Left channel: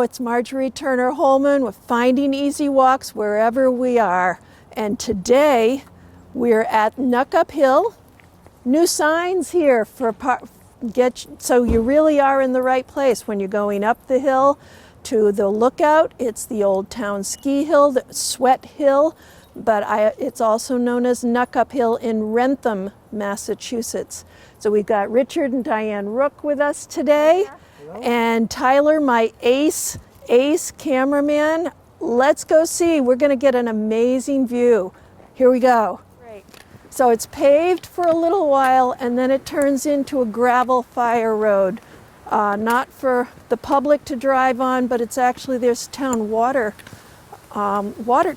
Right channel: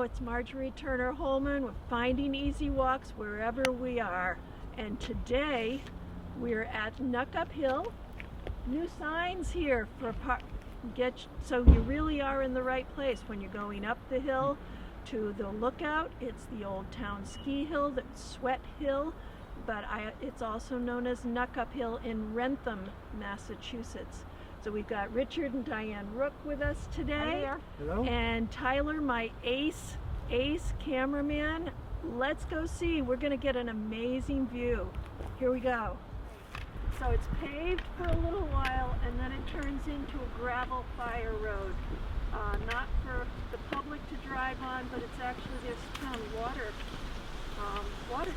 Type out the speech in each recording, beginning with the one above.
Hello, it's Marjorie Turner Hollman with Finding Easy Walks wherever we are. And today we're at Knuckup Hill. New signs here for so you really are in the right place when you're going up the hill to the lookout. It's the Old Town Ski Hill, the Sweat Hill, but it's also known as Knuckup Hill in Wrentham, Massachusetts. So we've got Richard and Diane Rook with us today. Hello. And Tyler, my ace cameraman. Let's go see. We're going to get an amazing view. Here we go. Great. So it's paved for a little while and then it turns into a gravel fire road. Not for the public to drive on, but it's actually, there's town water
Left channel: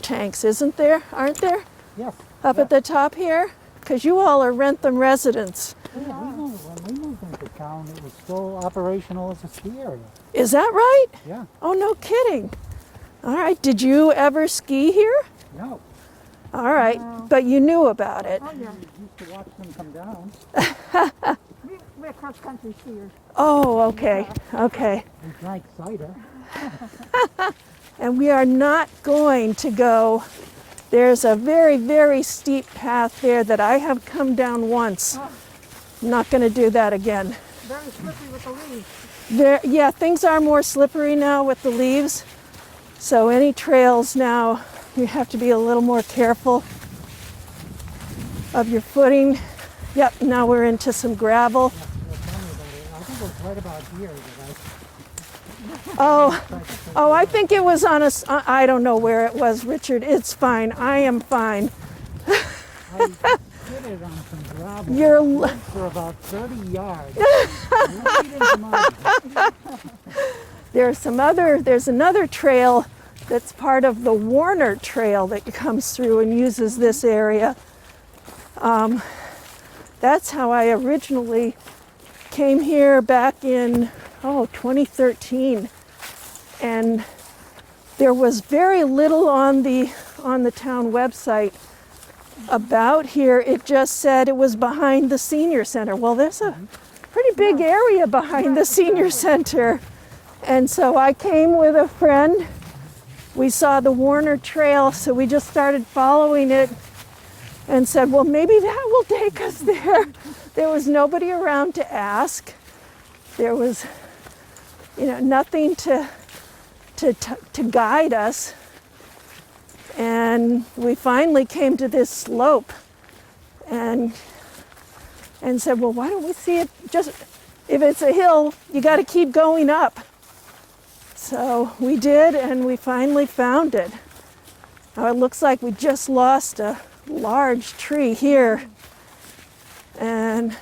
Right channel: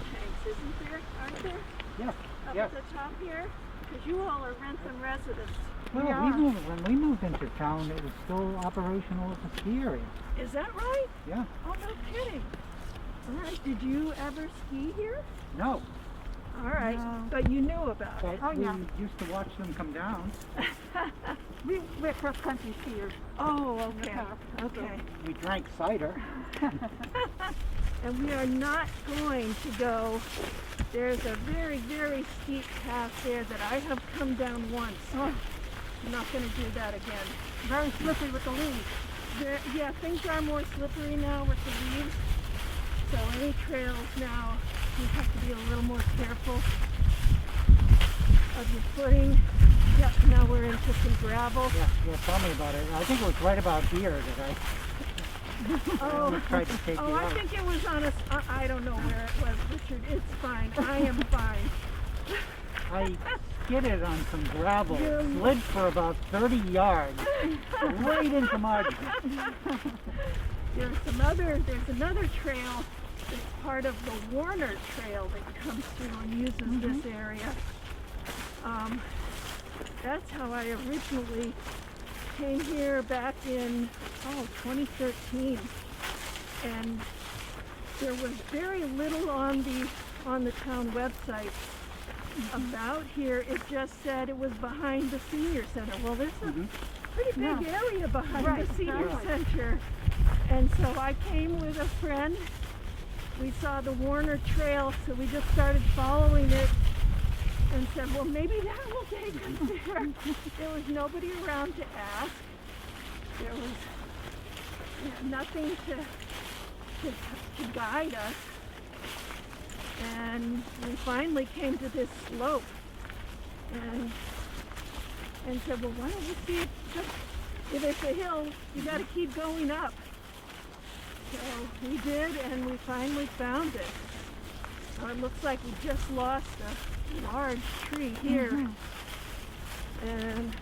tanks, isn't there? Aren't there? Yes. Up at the top here? Because you all are Wrentham residents. Well, when we moved into town, it was still operational as a ski area. Is that right? Yeah. Oh, no kidding. All right. Did you ever ski here? No. All right. No. But you knew about it. Oh, yeah. We used to watch them come down. We're cross-country skiers. Oh, okay. Okay. We drank cider. And we are not going to go. There's a very, very steep path there that I have come down once. Oh. I'm not going to do that again. Very slippery with the leaves. Yeah, things are more slippery now with the leaves. So any trails now, you have to be a little more careful of your footing. Yep, now we're into some gravel. Yeah, tell me about it. I think it was right about here that I think it was on I don't know where it was, Richard. It's fine. I am fine. I skidded on some gravel. You're good for about 30 yards. Right into my There's another trail that's part of the Warner Trail that comes through and uses this area. That's how I originally came here back in 2013, and there was very little on the town website about here. It just said it was behind the senior center. Well, there's a pretty big area behind the senior center, and so I came with a friend. We saw the Warner Trail, so we just started following it and said, well, maybe that will take us there. There was nobody around to ask. There was nothing to guide us. And we finally came to this slope and said, well, why don't we see it? Just if it's a hill, you got to keep going up. So we did, and we finally found it. Now it looks like we just lost a large tree here. And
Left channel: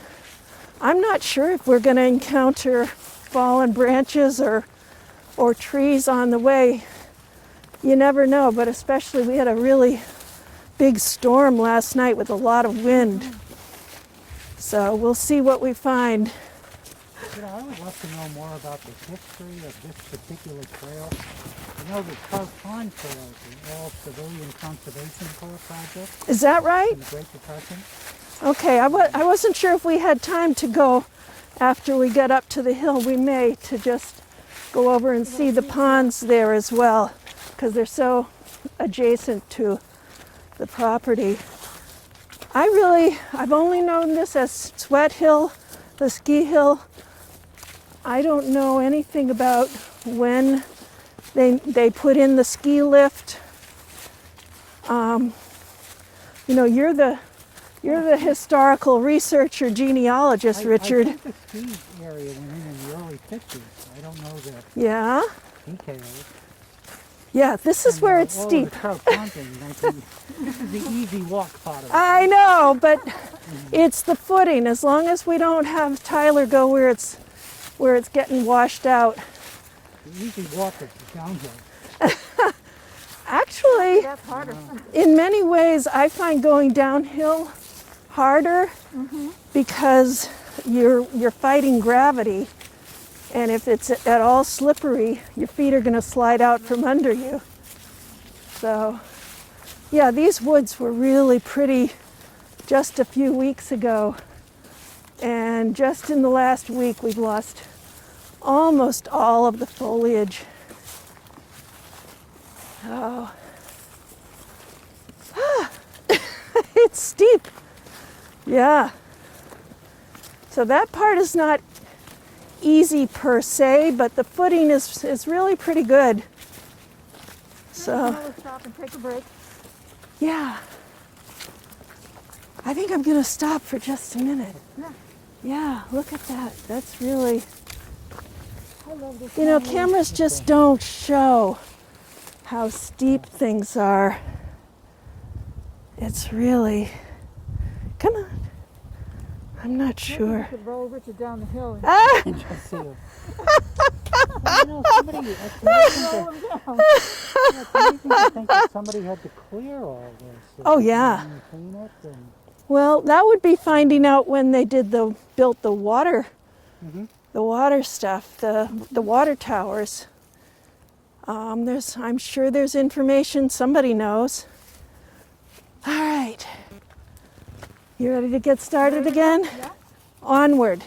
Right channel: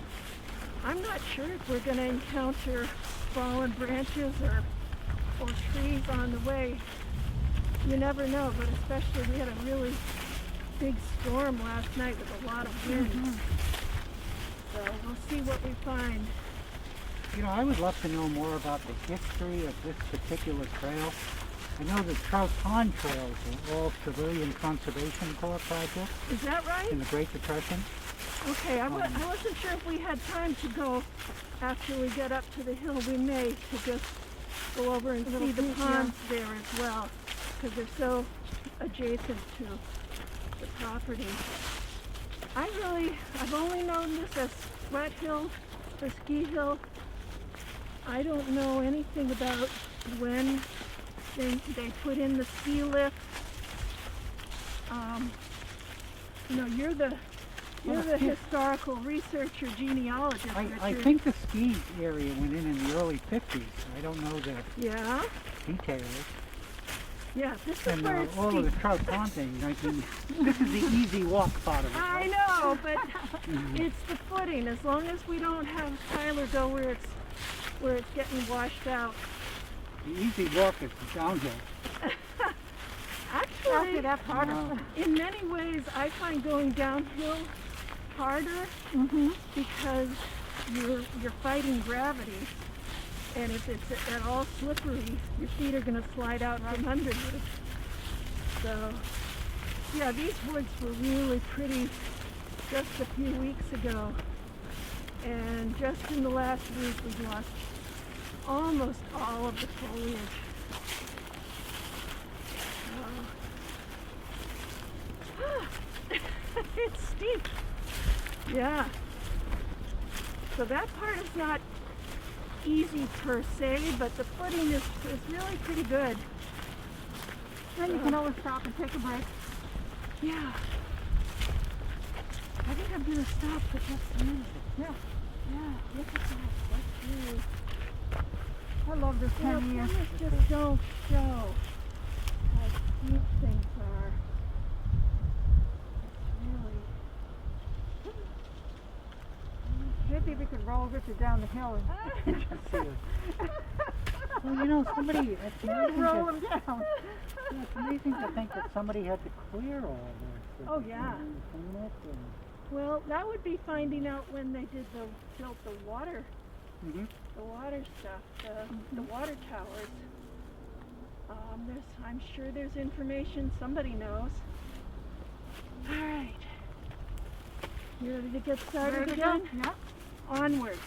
I'm not sure if we're going to encounter fallen branches or trees on the way. You never know, but especially we had a really big storm last night with a lot of wind. So we'll see what we find. I would love to know more about the history of this particular trail. I know the Trout Pond Trail is an all-civilian conservation corps project. Is that right? In the Great Depression. Okay, I wasn't sure if we had time to go after we get up to the hill. We may to just go over and see the ponds there as well, because they're so adjacent to the property. I've only known this as Sweat Hill, the ski hill. I don't know anything about when they put in the ski lift. You're the historical researcher, genealogist, Richard. I think the ski area went in the early 50s. I don't know the details. Yeah, this is where it's steep. The Trout Pond thing, this is the easy walk part of it. I know, but it's the footing. As long as we don't have Tyler go where it's getting washed out. The easy walk is the downhill. Actually, in many ways, I find going downhill harder because you're fighting gravity, and if it's at all slippery, your feet are going to slide out from under you. So, yeah, these woods were really pretty just a few weeks ago, and just in the last week, we've lost almost all of the foliage. Oh. It's steep. Yeah. So that part is not easy per se, but the footing is really pretty good. So you can always stop and take a break. Yeah. I think I'm gonna stop for just a minute. Yeah. Yeah, look at that. That's really, I love this. you know, kind of- cameras just don't show how steep things are. It's really, come on. I'm not Maybe sure. you could roll Richard down the hill and Ah! And just see it. Well, you know, somebody, it's amazing roll to, him down. it's amazing to think that somebody had to clear all this. Oh, yeah. And clean it and, Well, that would be finding out when they built the water, Mhm. the water stuff, the water towers. I'm sure there's information somebody knows. All right, you ready to get started again? Yeah. Onward.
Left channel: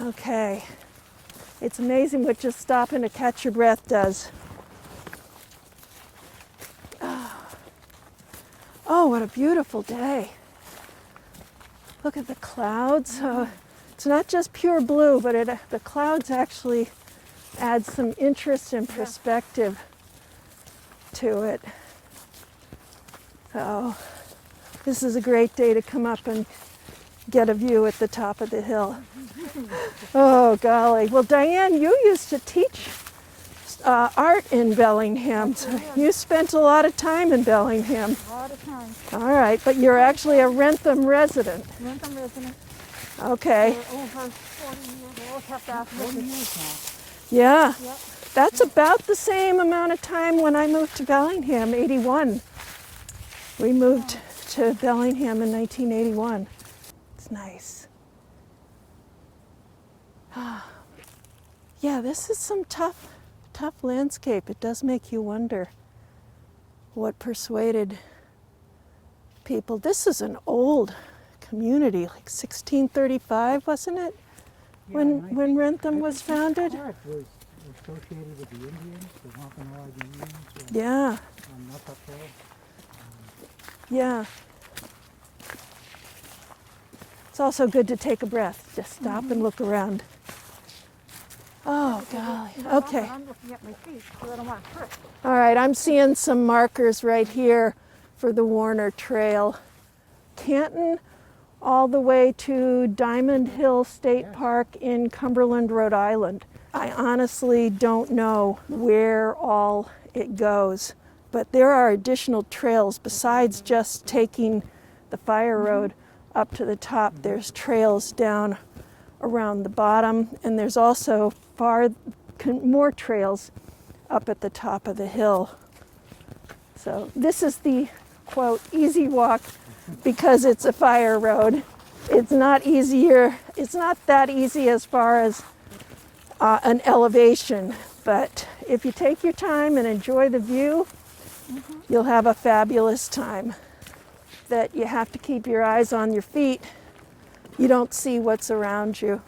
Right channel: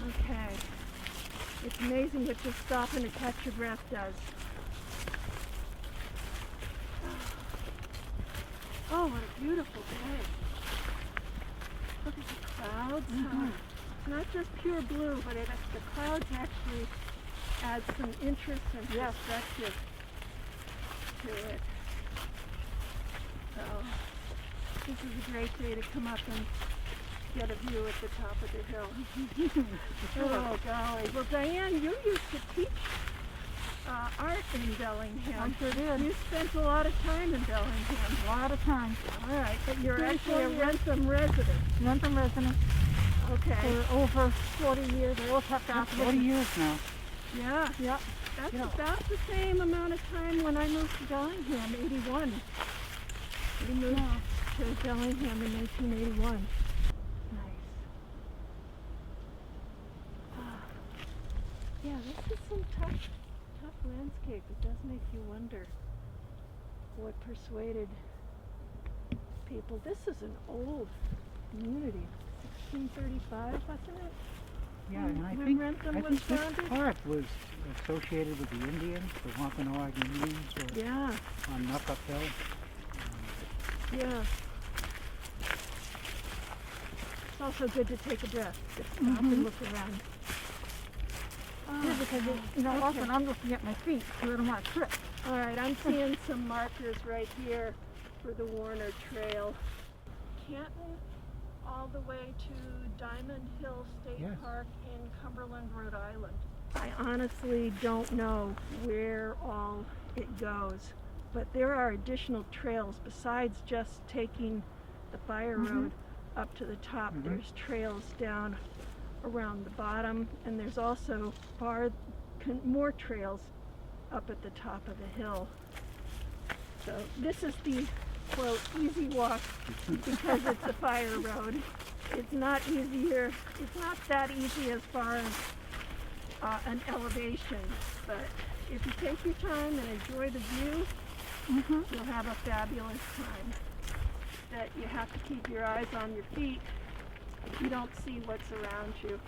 Okay. It's amazing what just stopping to catch your breath does. Oh, what a beautiful day. Look at the clouds. It's not just pure blue, but the clouds actually add some interest and perspective to it. So this is a great day to come up and get a view at the top of the hill. Oh, golly. Well, Diane, you used to teach art in Bellingham. So you spent a lot of time in Bellingham. A lot of time. All right, but you're actually a Wrentham resident. Wrentham resident Okay. for over 40 years. We all kept out 40 years now. Yeah. Yep. That's about the same amount of time when I moved to Bellingham, 81. We moved to Bellingham in 1981. It's nice. Yeah, this is some tough landscape. It does make you wonder what persuaded people. This is an old community, like 1635, wasn't it? When Yeah, and I think- Wrentham I was think founded? this park was associated with the Indians, the Wampanoag Indians, Yeah, on Knuckup Hill. yeah. It's also good to take a breath, just stop and look around. Oh, God. You know, Okay. often I'm looking at my feet because I don't want to trip. All right, I'm seeing some markers right here for the Warner Trail. Canton all the way to Diamond Hill State Yes. Park in Cumberland, Rhode Island. I honestly don't know where all it goes, but there are additional trails besides just taking the fire road up to the top. There's trails down around the bottom, and there's also more trails up at the top of the hill. So this is the quote easy walk because it's a fire road. It's not that easy as far as an elevation, but if you take your time and enjoy the view, you'll have a fabulous time. That you have to keep your eyes on your feet. You don't see what's around you.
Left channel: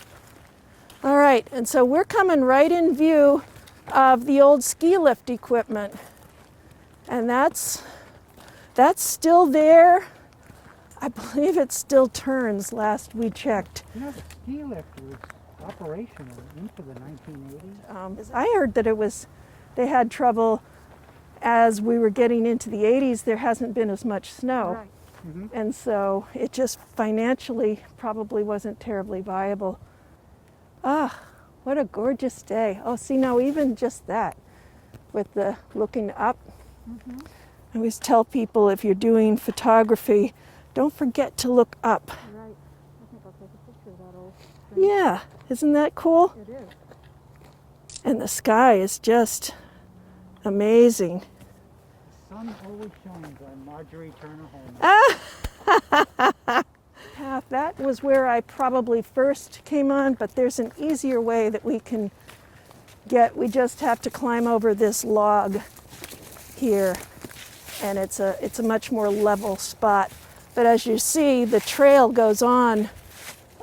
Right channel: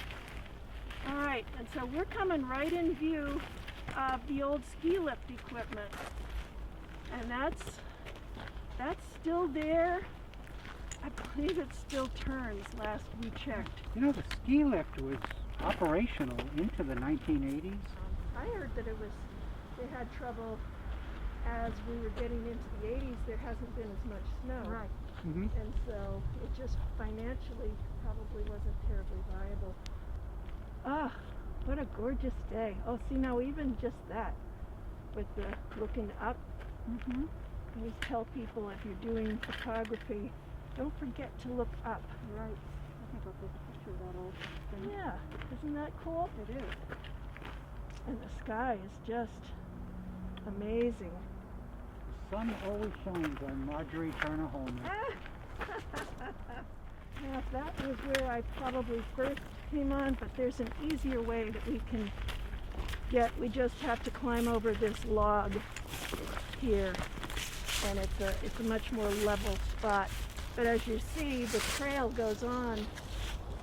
All right, and so we're coming right in view of the old ski lift equipment. And that's still there. I believe it still turns last we checked. You know, the ski lift was operational into the 1980s. I heard that they had trouble as we were getting into the 80s. There hasn't been as much snow. Right. Mhm. And so it just financially probably wasn't terribly viable. Ah, what a gorgeous day. Oh, see now even just that with the looking up. I always tell people if you're doing photography, don't forget to look up. Right. I think I'll take a picture of that old. Yeah, isn't that cool? It is. And the sky is just amazing. The sun always shines on Marjorie Turner Hollman. Path, that was where I probably first came on, but there's an easier way that we can get. We just have to climb over this log here, and it's a much more level spot. But as you see, the trail goes on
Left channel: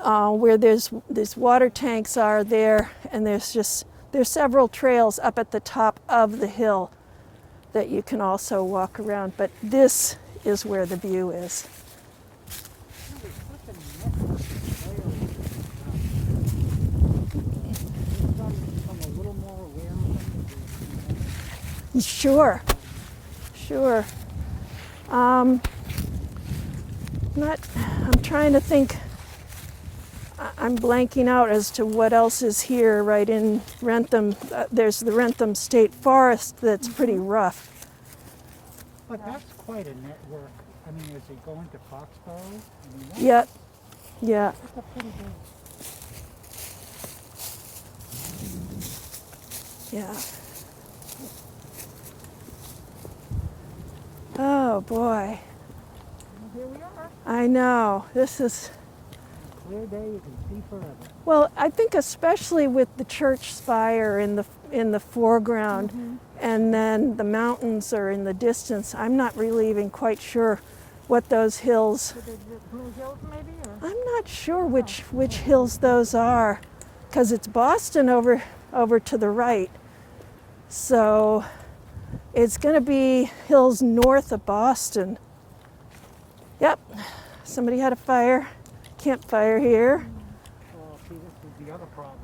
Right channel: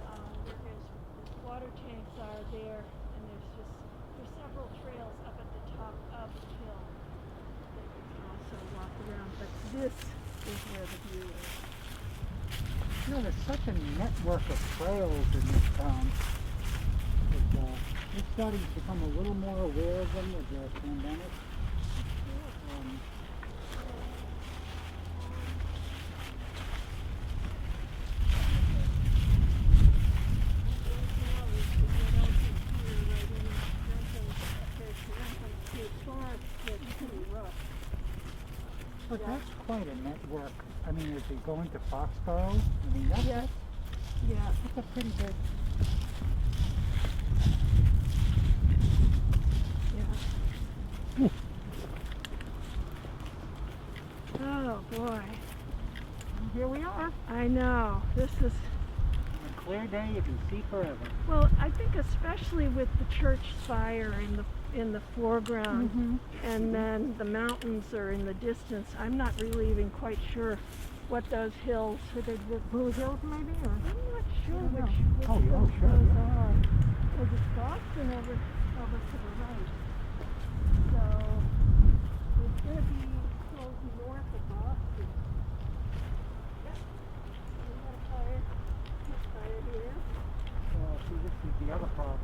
where these water tanks are there, and there's several trails up at the top of the hill that you can also walk around. But this is where the view is. You know, there's such a network of trails in this town. We're starting to become a little more aware of them with the pandemic. Sure, sure. I'm trying to think. I'm blanking out as to what else is here right in Wrentham. There's the Wrentham State Forest that's pretty rough. But that's quite a network. I mean, as you go into Foxborough, I mean, that's, Yep, yeah. that's a pretty good. Yeah. Oh boy, Well, here we are. I know. This is, On a clear day, you can see forever. well, I think especially with the church spire in the foreground, and then the mountains are in the distance. I'm not really even quite sure what those hills. Could they be Blue Hills maybe? Or? I'm not sure which hills those are, because it's Boston over to the right. So it's going to be hills north of Boston. Yep, somebody had a campfire here. Well, see, this is the other problem.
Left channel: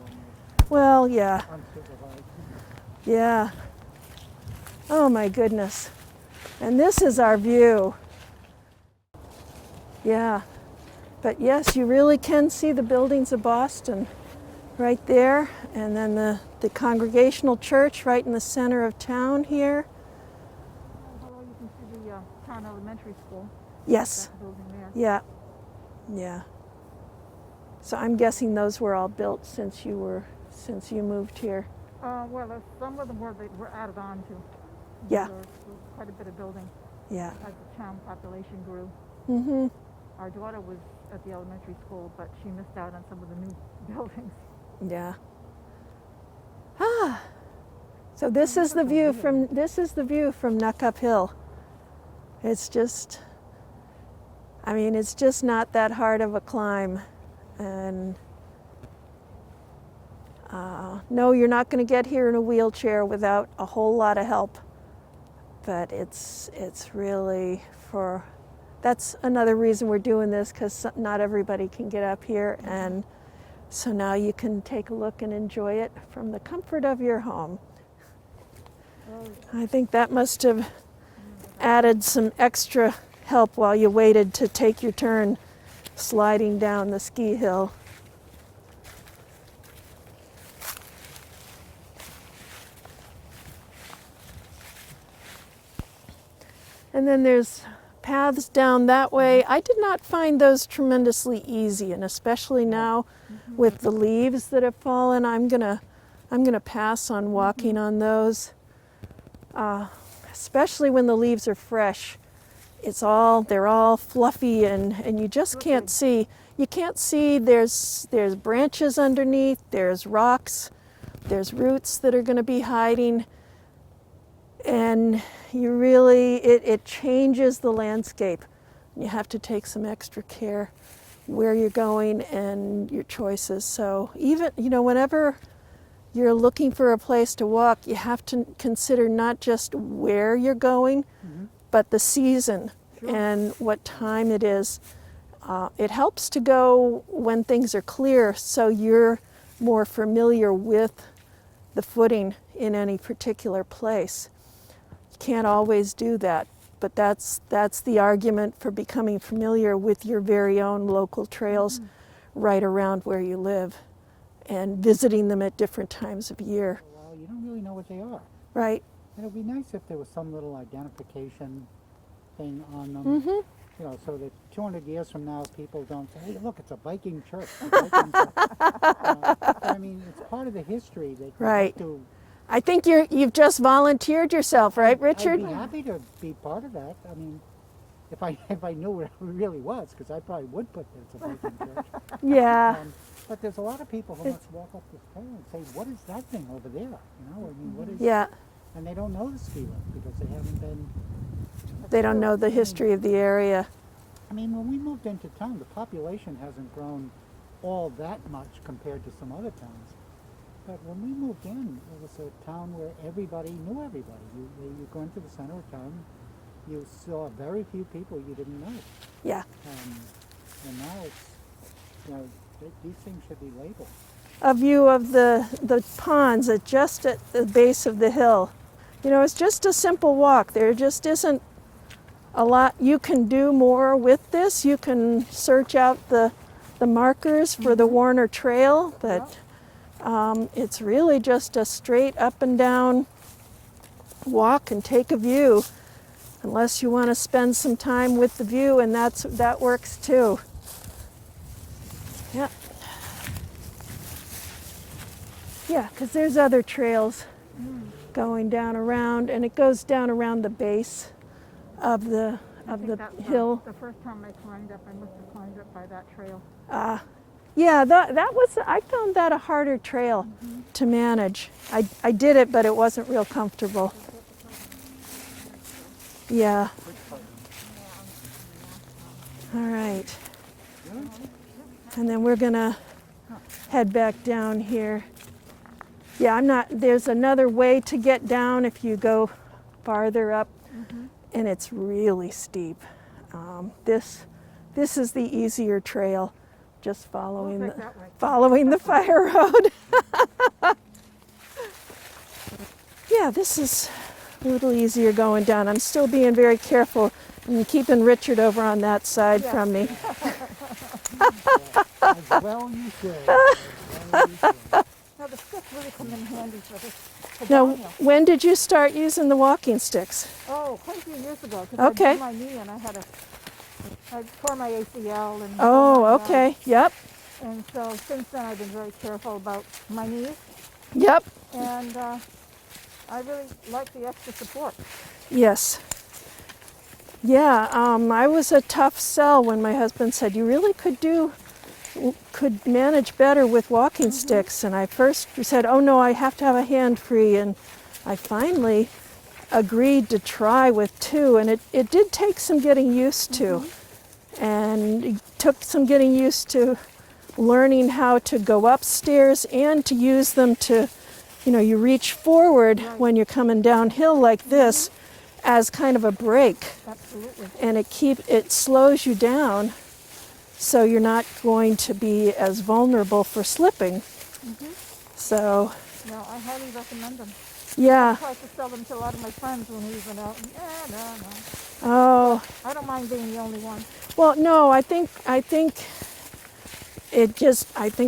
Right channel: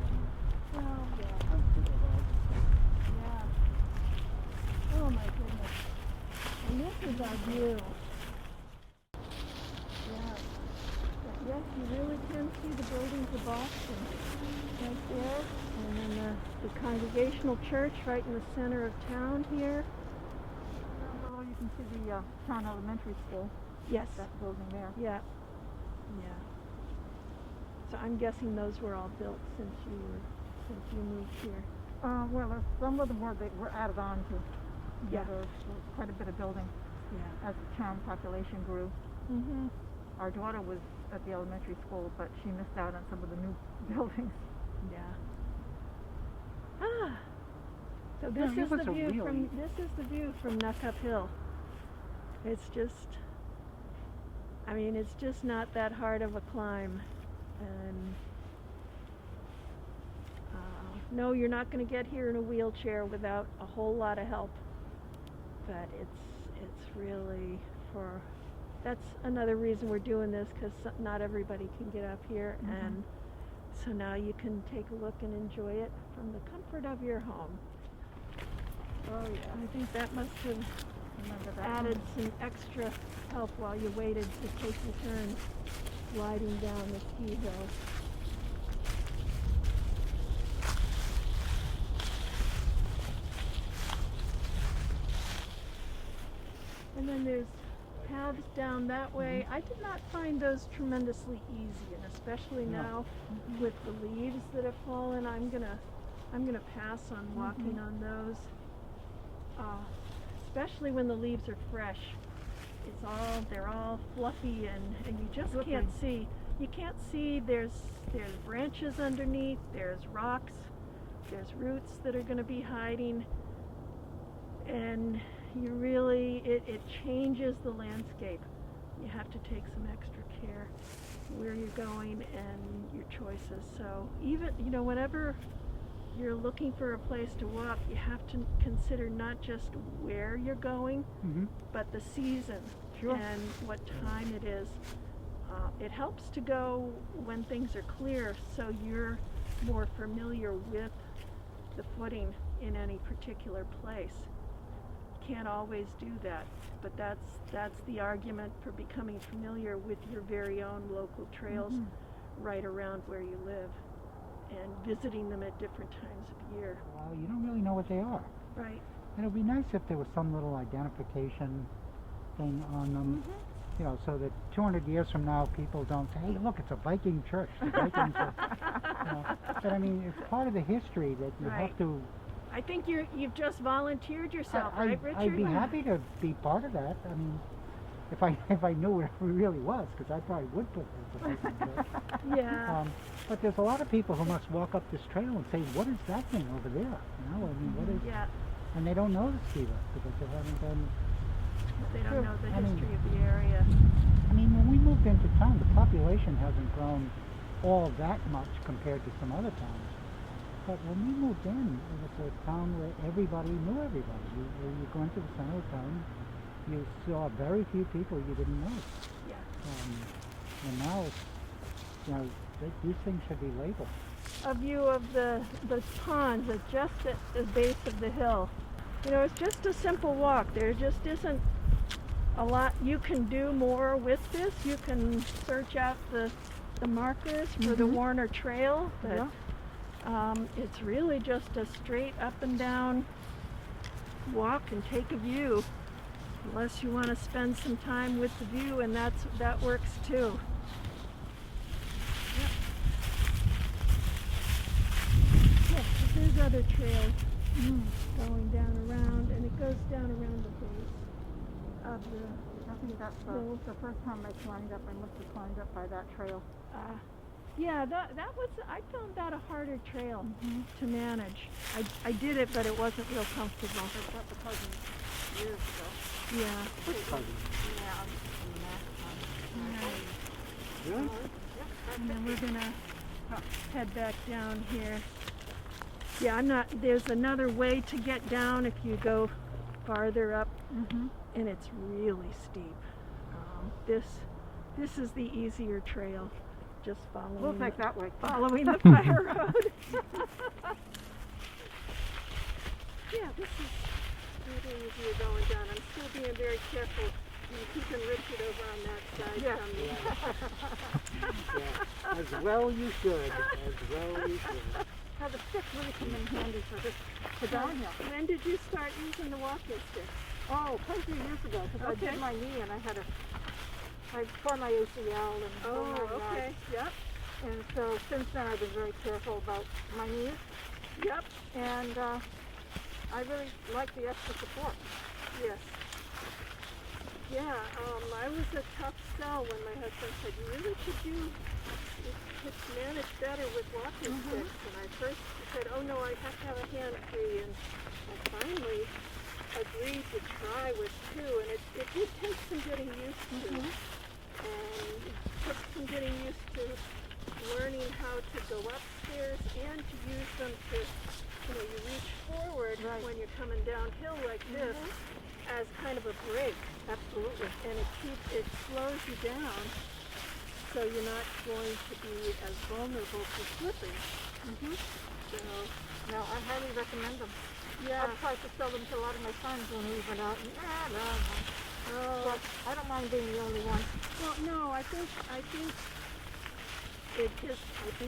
Well, yeah, Unsupervised. yeah. Oh my goodness. And this is our view. Yeah, but yes, you really can see the buildings of Boston right there, and then the Congregational Church right in the center of town here. Oh, you can see the town elementary school. Yes, That building there. yeah, yeah. So I'm guessing those were all built since you moved here. Well, some of them were added on to. Yeah. Quite a bit of building Yeah. as the town population grew. Mhm. Our daughter was at the elementary school, but she missed out on some of the new buildings. Yeah. Ah. So this is the view from Knuckup Hill. It's just, I mean, it's just not that hard of a climb, and no, you're not going to get here in a wheelchair without a whole lot of help. But it's really that's another reason we're doing this, because not everybody can get up here, and so now you can take a look and enjoy it from the comfort of your home. Oh, yeah. I think that must have Remember that? added some extra help while you waited to take your turn sliding down the ski hill. And then there's paths down that way. I did not find those tremendously easy, and especially now with the leaves that have fallen, I'm gonna pass on walking on those. Especially when the leaves are fresh. They're all fluffy, and you just can't see. You can't see. There's branches underneath. There's rocks. There's roots that are going to be hiding, and it changes the landscape. You have to take some extra care where you're going and your choices. So even, whenever you're looking for a place to walk, you have to consider not just where you're going, but the season and what time it is. It helps to go when things are clear, so you're more familiar with the footing in any particular place. You can't always do that, but that's the argument for becoming familiar with your very own local trails right around where you live, and visiting them at different times of year. You don't really know what they are. Right. And it'd be nice if there was some little identification thing on them. So that 200 years from now, people don't say, "Hey, look, it's a Viking church." I mean, it's part of the history that you Right. have to. I think you've just volunteered yourself, right, Richard? I'd be happy to be part of that. I mean, if I knew where it really was, because I probably would put this. Yeah. But there's a lot of people who must walk up this trail and say, "What is that thing over there?" I mean, what is? Yeah. And they don't know the ski lift because they haven't been. They don't know the history of the area. I mean, when we moved into town, the population hasn't grown all that much compared to some other towns. But when we moved in, it was a town where everybody knew everybody. when you go into the center of town, you saw very few people you didn't know. Yeah. And now it's, these things should be labeled. A view of the ponds just at the base of the hill. It's just a simple walk. There just isn't a lot you can do more with this. You can search out the markers for the Warner Trail, but it's really just a straight up and down walk and take a view, unless you want to spend some time with the view, and that works too. Yep. Yeah, because there's other trails going down around, and it goes down around the base of the hill. The first time I climbed up, I must have climbed up by that trail. Yeah, that was, I found that a harder trail to manage. I did it, but it wasn't real comfortable. Yeah. All right. And then we're gonna head back down here. Yeah, there's another way to get down if you go farther up, and it's really steep. This is the easier trail, just following the fire road. Yeah, this is a little easier going down. I'm still being very careful and keeping Richard over on that side from me. As well you should. The sticks really come in handy for Now, downhill. when did you start using the walking sticks? Oh, quite a few years ago. 'Cause Okay. I broke my knee and I tore my ACL. And Oh, okay. Yep. And so since then I've been very careful about my knees. Yep. And I really like the extra support. Yes. Yeah, I was a tough sell when my husband said you really could manage better with walking sticks, and I first said, oh no, I have to have a hand free, and I finally agreed to try with two, and it did take some getting used to, and it took some getting used to learning how to go upstairs and to use them to, you reach forward when you're coming downhill like this as kind of a brake. Absolutely. And it slows you down, so you're not going to be as vulnerable for slipping. So, No, I highly recommend them. yeah. I tried to sell them to a lot of my friends when we went out. No. Oh, I don't mind being the only one. well, no, I think I think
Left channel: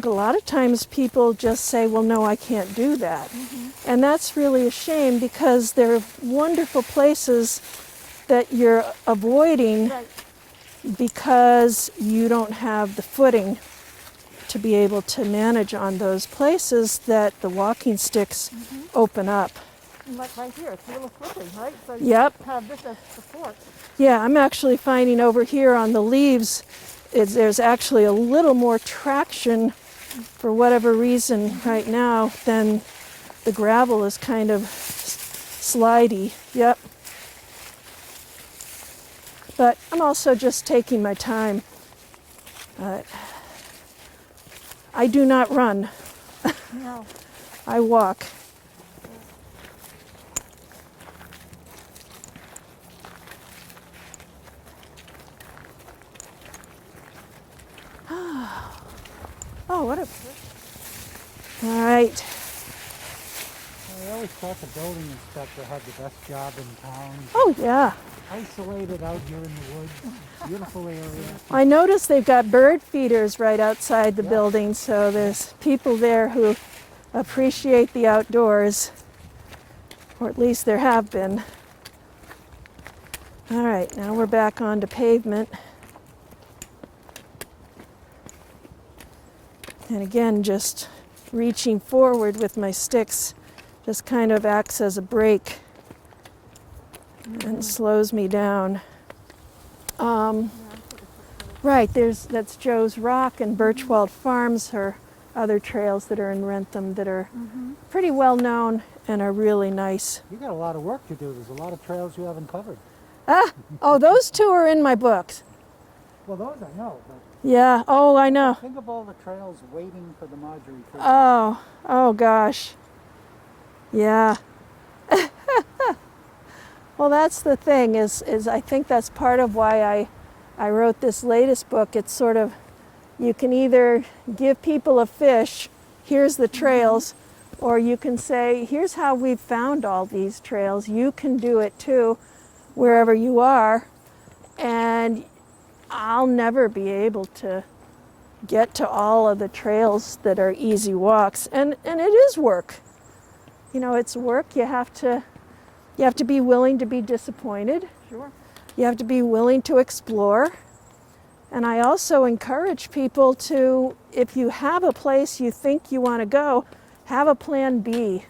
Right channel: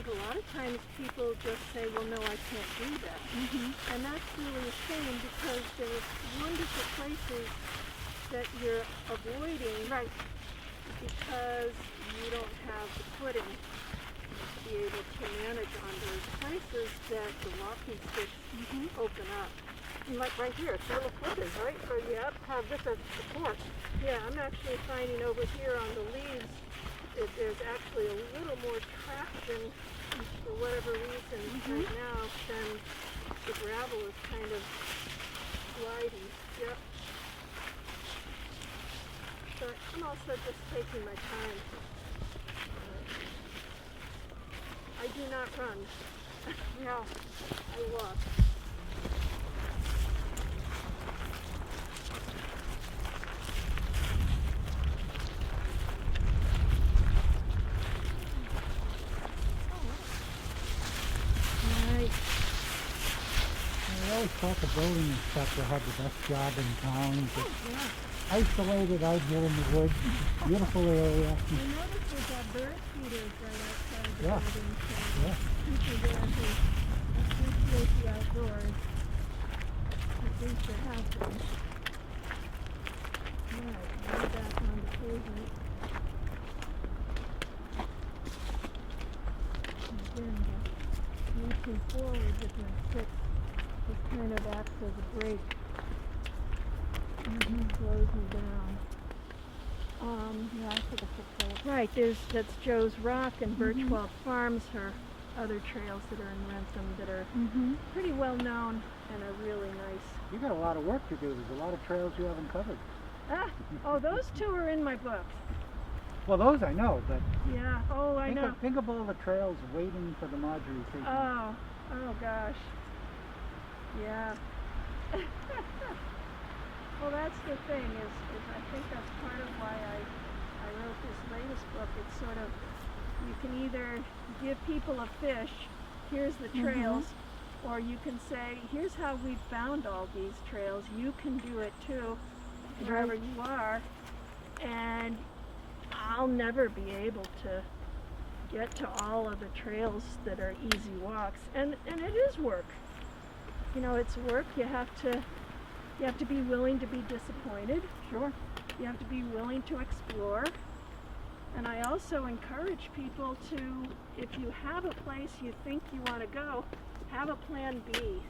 a lot of times people just say, well, no, I can't do that. And that's really a shame, because they're wonderful places that you're avoiding Right. because you don't have the footing to be able to manage on those places that the walking sticks open up. Like right here, it's little flippers, right? So you Yep. have this as support. Yeah, I'm actually finding over here on the leaves, there's actually a little more traction for whatever reason right now than the gravel is kind of slidey. Yep. But I'm also just taking my time. I do not run. No. I walk. Oh, what a... All right. I always thought the building inspector had the best job in town. Oh, yeah. Isolated out here in the woods. Beautiful area. I noticed they've got bird feeders right outside the building, so there's people there who appreciate the outdoors, or at least there have been. All right, now we're back onto pavement. And again, just reaching forward with my sticks just kind of acts as a brake and slows me down. Right, that's Joe's Rock and Birchwald Farms are other trails that are in Wrentham that are pretty well known and are really nice. You got a lot of work to do. There's a lot of trails you haven't covered. Oh, those two are in my books. Well, those I know, but Yeah, oh, I know. think of all the trails waiting for the Marjorie tree. Oh gosh. Yeah. Well, that's the thing is I think that's part of why I wrote this latest book. It's sort of, you can either give people a fish, here's the trails, or you can say, here's how we've found all these trails. You can do it too, wherever you are. And I'll never be able to get to all of the trails that are easy walks. And it is work. You know, it's work. You have to be willing to be disappointed. Sure. You have to be willing to explore. And I also encourage people to, if you have a place you think you want to go, have a plan B.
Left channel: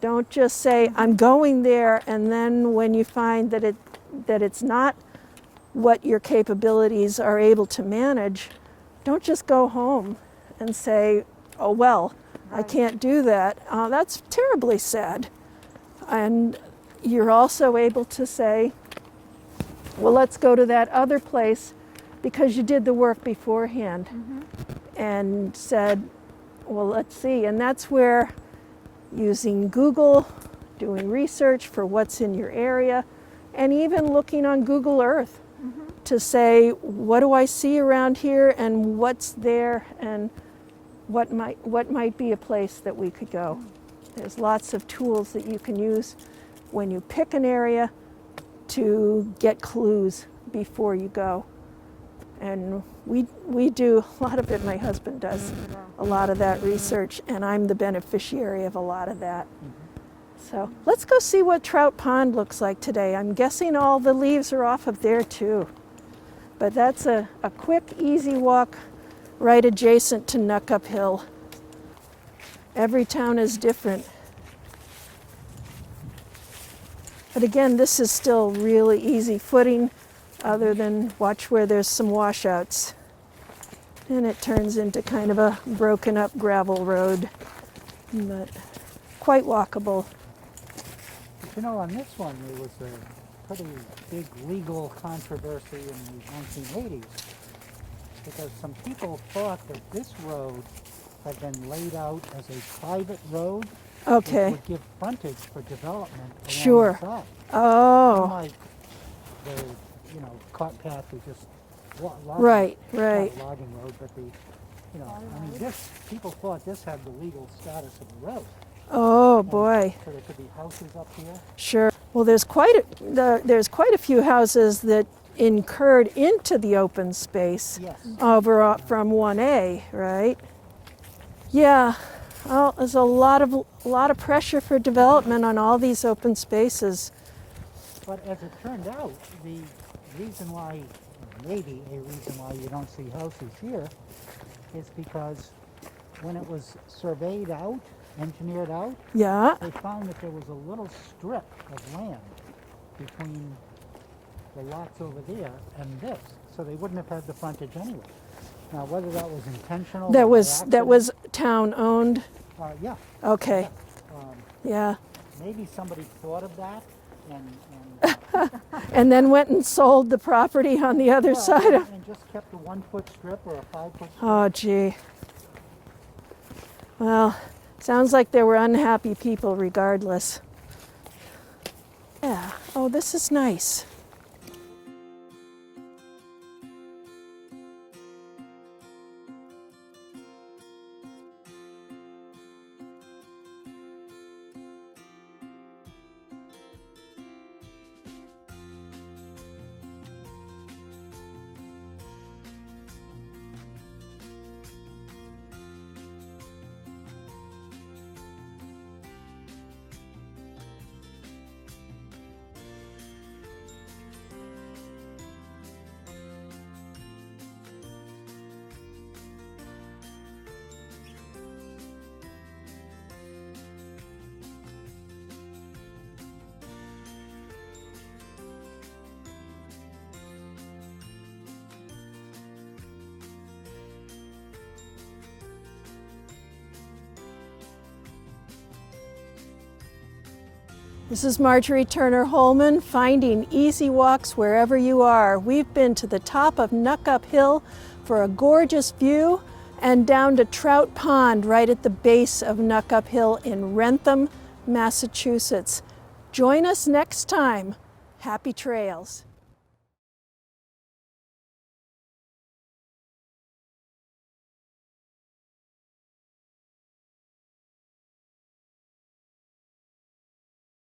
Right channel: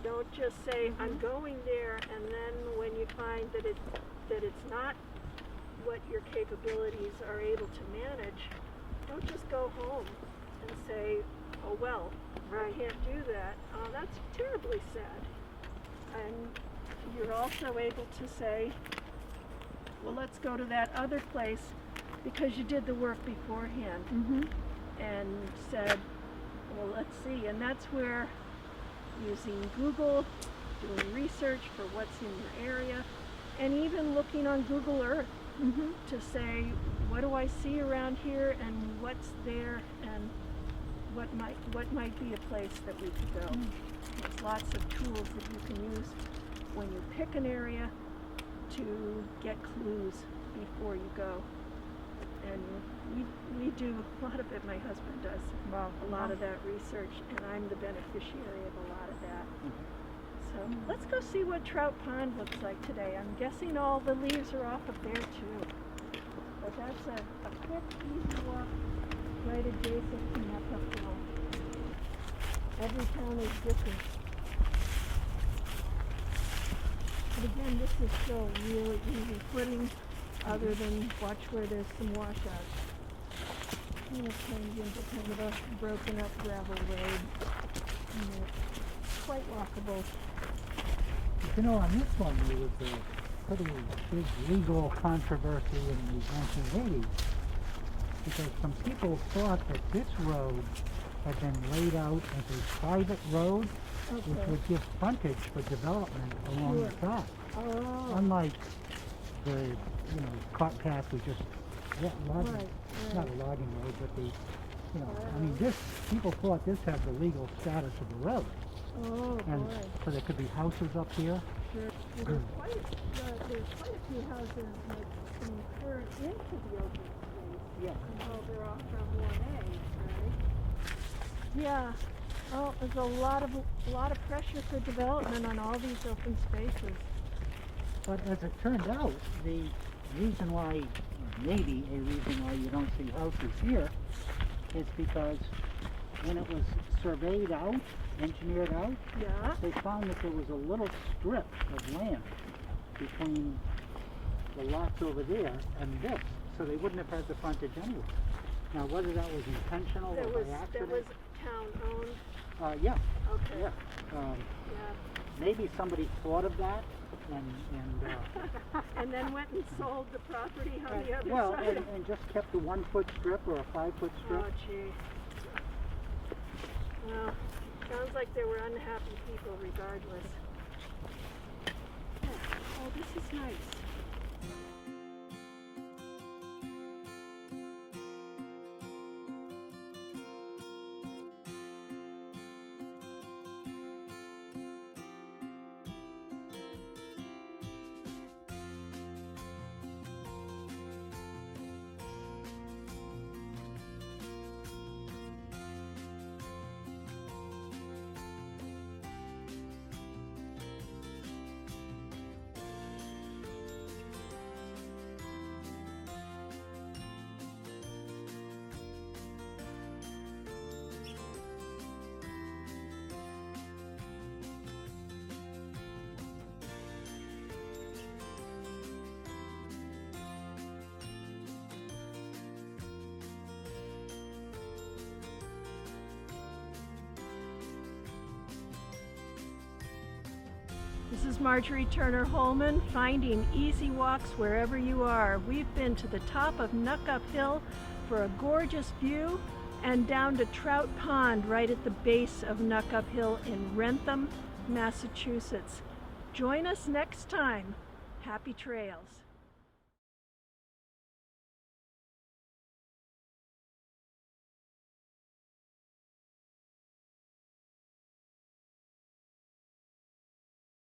Don't just say, I'm going there, and then when you find that it's not what your capabilities are able to manage, don't just go home and say, oh, well, I Right. can't do that. That's terribly sad. And you're also able to say, well, let's go to that other place because you did the work beforehand and said, well, let's see. And that's where using Google, doing research for what's in your area, and even looking on Google Earth to say, what do I see around here and what's there and what might be a place that we could go. There's lots of tools that you can use when you pick an area to get clues before you go. And we do a lot of it, my husband does a lot of that research, and I'm the beneficiary of a lot of that. So let's go see what Trout Pond looks like today. I'm guessing all the leaves are off of there too. But that's a quick, easy walk right adjacent to Knuckup Hill. Every town is different. But again, this is still really easy footing, other than watch where there's some washouts. And it turns into kind of a broken up gravel road, but quite walkable. You know, on this one, there was a pretty big legal controversy in the 1980s because some people thought that this road had been laid out as a private road. Okay. Which would give frontage for development. Sure. alongside. Oh, Unlike the, cart path was just logging. right, Not right. a logging road, but this, people thought this had the legal status of the road. Oh boy, So there could be houses up here. sure. Well, there's quite a few houses that incurred into the open space Yes. over from 1A, right? Yeah. Well, there's a lot of pressure for development on all these open spaces. But as it turned out, the reason why, maybe a reason why you don't see houses here, is because when it was surveyed out, engineered out, Yeah. they found that there was a little strip of land between the lots over there and this, so they wouldn't have had the frontage anyway. Now, whether that was intentional, That or by was accident, town owned. yeah, Okay. yeah. Yeah. Maybe somebody thought of that and And then went and sold the property on the other yeah, side of. and just kept a 1 foot strip or a 5 foot strip. Oh, gee. Well, sounds like there were unhappy people regardless. Yeah. Oh, this is nice. This is Marjorie Turner Hollman, finding easy walks wherever you are. We've been to the top of Knuckup Hill for a gorgeous view and down to Trout Pond right at the base of Knuckup Hill in Wrentham, Massachusetts. Join us next time Happy trails.